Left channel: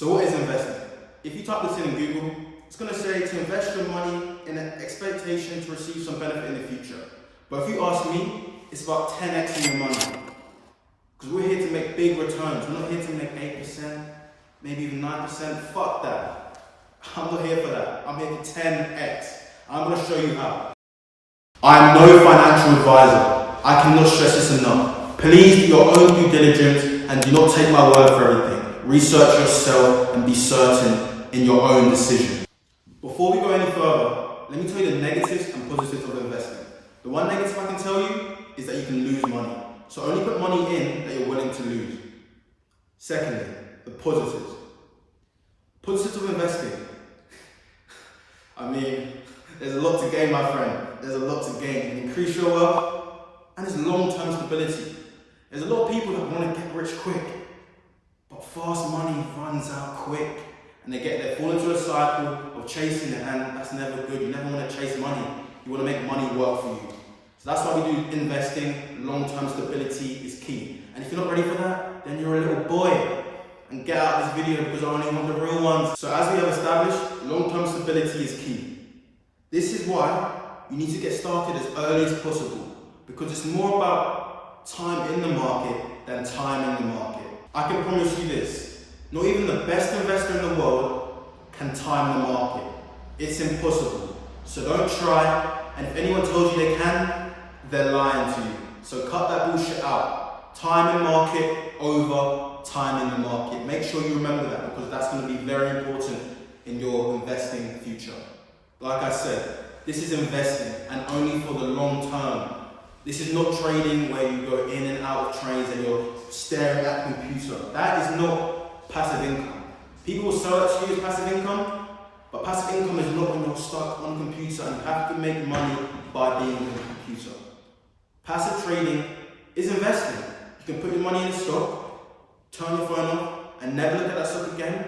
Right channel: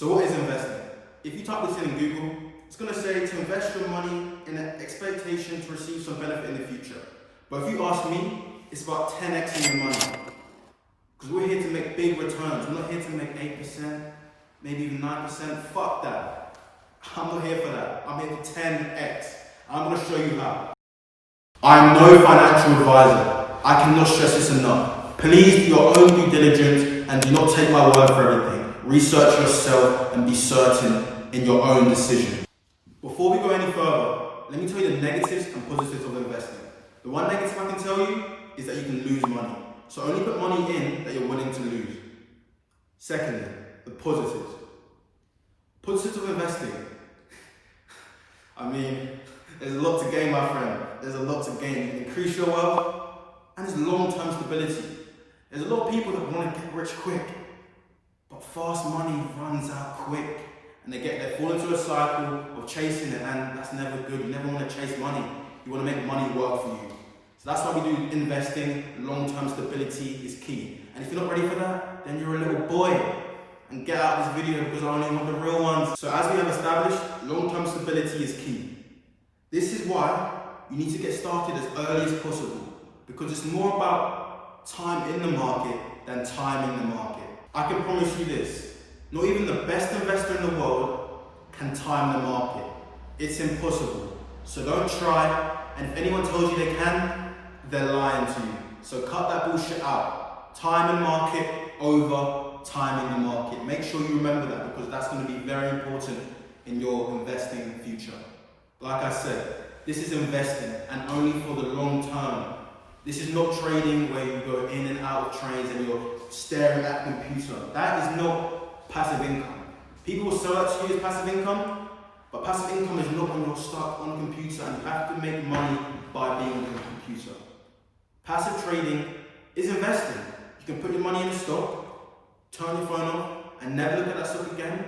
So what is investing? If you type this in Google, it's going to say to invest your money in an expectation to receive some benefit in the future. But if you ask me, it's about 10xing your money. Because we're here to make big returns. We're not here to make 8%, maybe even 9%. Fuck that. I'm not here for that. I'm here to 10x. I'm going to show you how. I'm no financial advisor. I cannot stress this enough. Please do your own due diligence and do not take my word for everything. Research yourself and be certain in your own decision. Before we go any further, let me tell you the negatives and positives of investing. The one negative I can tell you is that you can lose money. So only put money in that you're willing to lose. Secondly, the positives. Positives of investing. I mean, there's a lot to gain, my friend. There's a lot to gain. You can increase your wealth, and there's long-term stability. There's a lot of people that want to get rich quick, but fast money runs out quick, and they fall into a cycle of chasing it, and that's never good. You never want to chase money. You want to make money work for you. So that's why we do investing. Long-term stability is key. And if you're not ready for that, then you're a little boy. And get out of this video because I only want the real ones. So as we have established, long-term stability is key. This is why you need to get started as early as possible, because it's more about time in the market than timing the market. I can promise you this, not even the best investor in the world can time the market. It's impossible. So don't try, and if anyone tells you they can, they're lying to you. So cut that bullshit out. Timing market over timing the market. Make sure you remember that, because that's going to be very important in your investing future. Like I said, this is investing, and only for the long term. This is not trading where you go in and out of trades and you're staring at the computer. That is not passive income. People will sell that to you as passive income, but passive income is not when you're stuck on a computer and you have to make money by being on a computer. Passive trading is investing. You can put your money in a stock, turn your phone off, and never look at that stock again.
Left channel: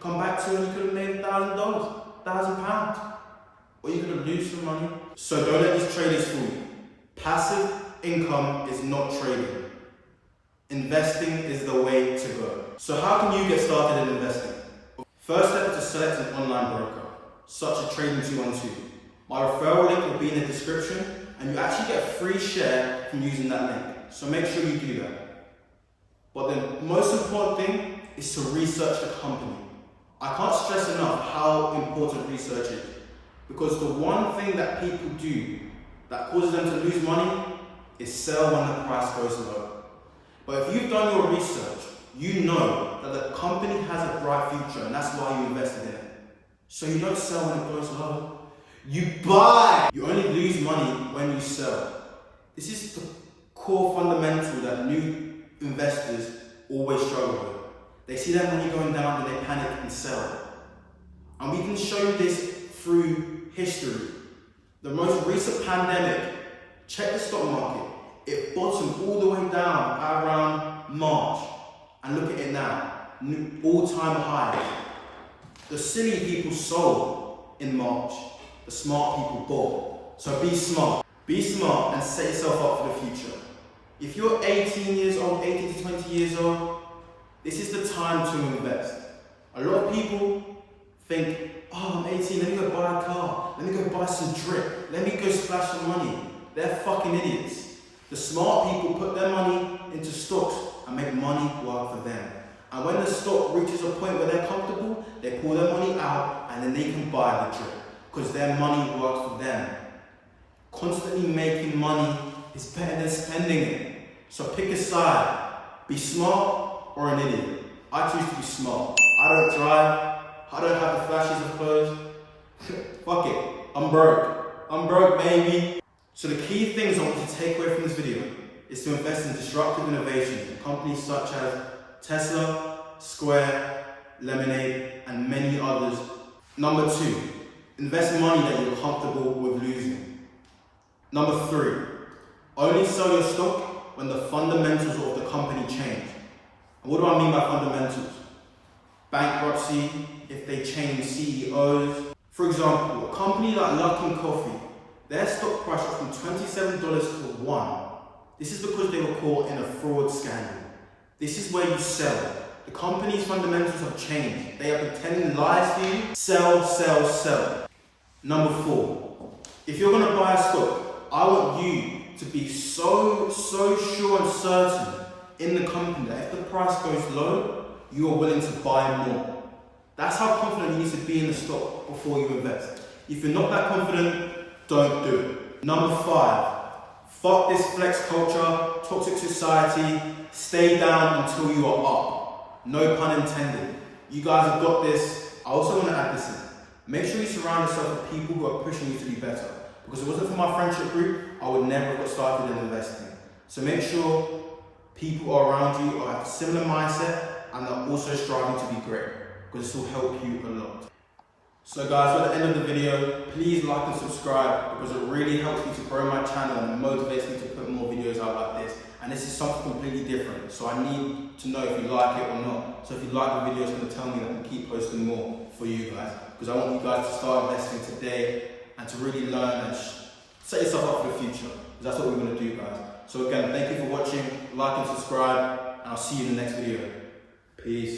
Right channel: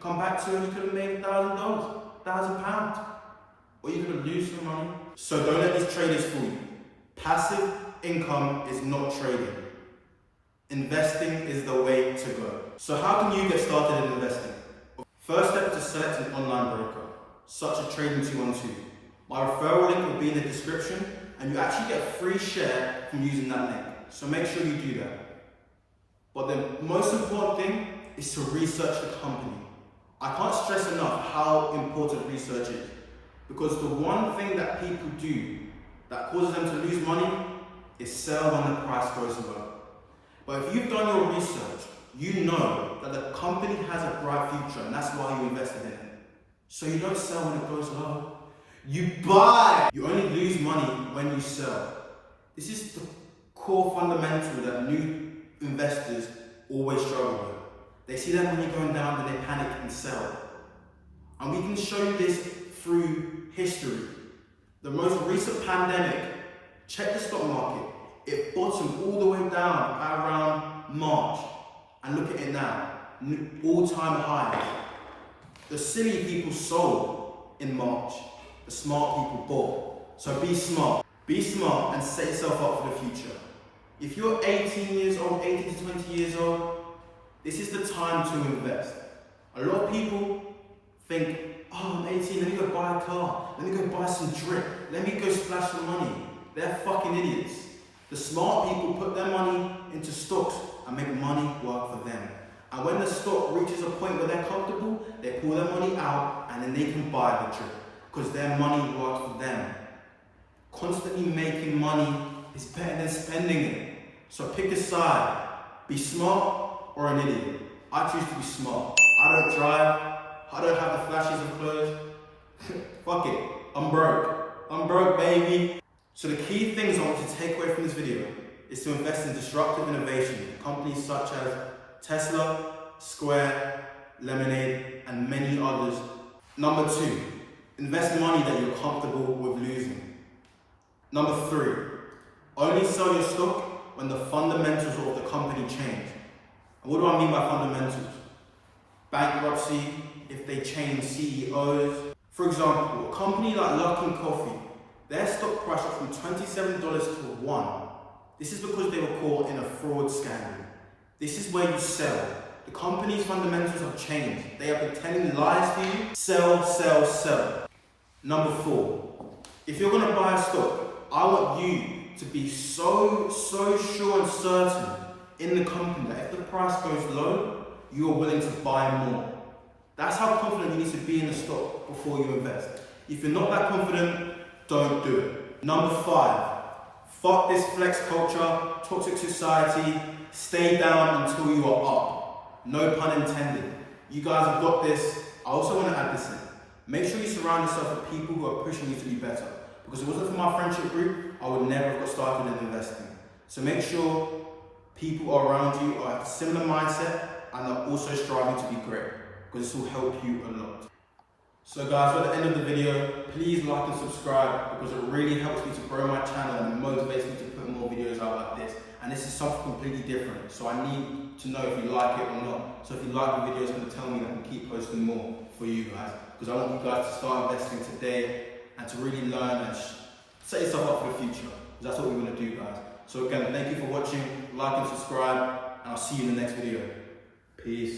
Come back to it and you could have made $1,000, £1,000. Or you're going to lose some money. So don't let these traders fool you. Passive income is not trading. Investing is the way to go. So how can you get started in investing? First step is to select an online broker, such as Trading 212. My referral link will be in the description, and you actually get a free share from using that link. So make sure you do that. But the most important thing is to research the company. I can't stress enough how important research is, because the one thing that people do that causes them to lose money is sell when the price goes low. But if you've done your research, you know that the company has a bright future, and that's why you invested in it. So you don't sell when it goes low. You buy! You only lose money when you sell. This is the core fundamental that new investors always struggle with. They see their money going down and they panic and sell. And we can show you this through history. The most recent pandemic, check the stock market. It bottomed all the way down at around March. And look at it now, all-time highs. The silly people sold in March. The smart people bought. So be smart. Be smart and set yourself up for the future. If you're 18 years old, 18 to 20 years old, this is the time to invest. A lot of people think, oh, I'm 18, let me go buy a car. Let me go buy some drip. Let me go splash some money. They're fucking idiots. The smart people put their money into stocks and make money work for them. And when the stock reaches a point where they're comfortable, they pull their money out and then they can buy the drip, because their money works for them. Constantly making money is better than spending it. So pick a side. Be smart or an idiot. I choose to be smart. I don't drive. I don't have the flashes of clothes. Fuck it. I'm broke. I'm broke, baby. So the key things I want you to take away from this video is to invest in disruptive innovation. Companies such as Tesla, Square, Lemonade, and many others. Number 2, invest money that you're comfortable with losing. Number 3, only sell your stock when the fundamentals of the company change. And what do I mean by fundamentals? Bankruptcy, if they change CEOs. For example, a company like Luckin Coffee, their stock price went from $27 to $1. This is because they were caught in a fraud scandal. This is where you sell. The company's fundamentals have changed. They are been telling lies to you. Sell, sell, sell. Number 4, if you're gonna buy a stock, I want you to be so sure and certain in the company that if the price goes low, you are willing to buy more. That's how confident you need to be in the stock before you invest. If you're not that confident, don't do it. Number 5, fuck this flex culture, toxic society, stay down until you are up. No pun intended. You guys have got this. I also want to add this in. Make sure you surround yourself with people who are pushing you to be better. Because if it wasn't for my friendship group, I would never have got started in investing. So make sure people around you are at a similar mindset and are also striving to be great, because this will help you a lot. So guys, at the end of the video, please like and subscribe, because it really helps me to grow my channel and motivates me to put more videos out like this. And this is something completely different, so I need to know if you like it or not. So if you like the video, it's going to tell me that I can keep posting more for you guys, because I want you guys to start investing today and to really learn and set yourself up for the future, because that's what we're going to do, guys. So again, thank you for watching, like and subscribe, and I'll see you in the next video. Peace.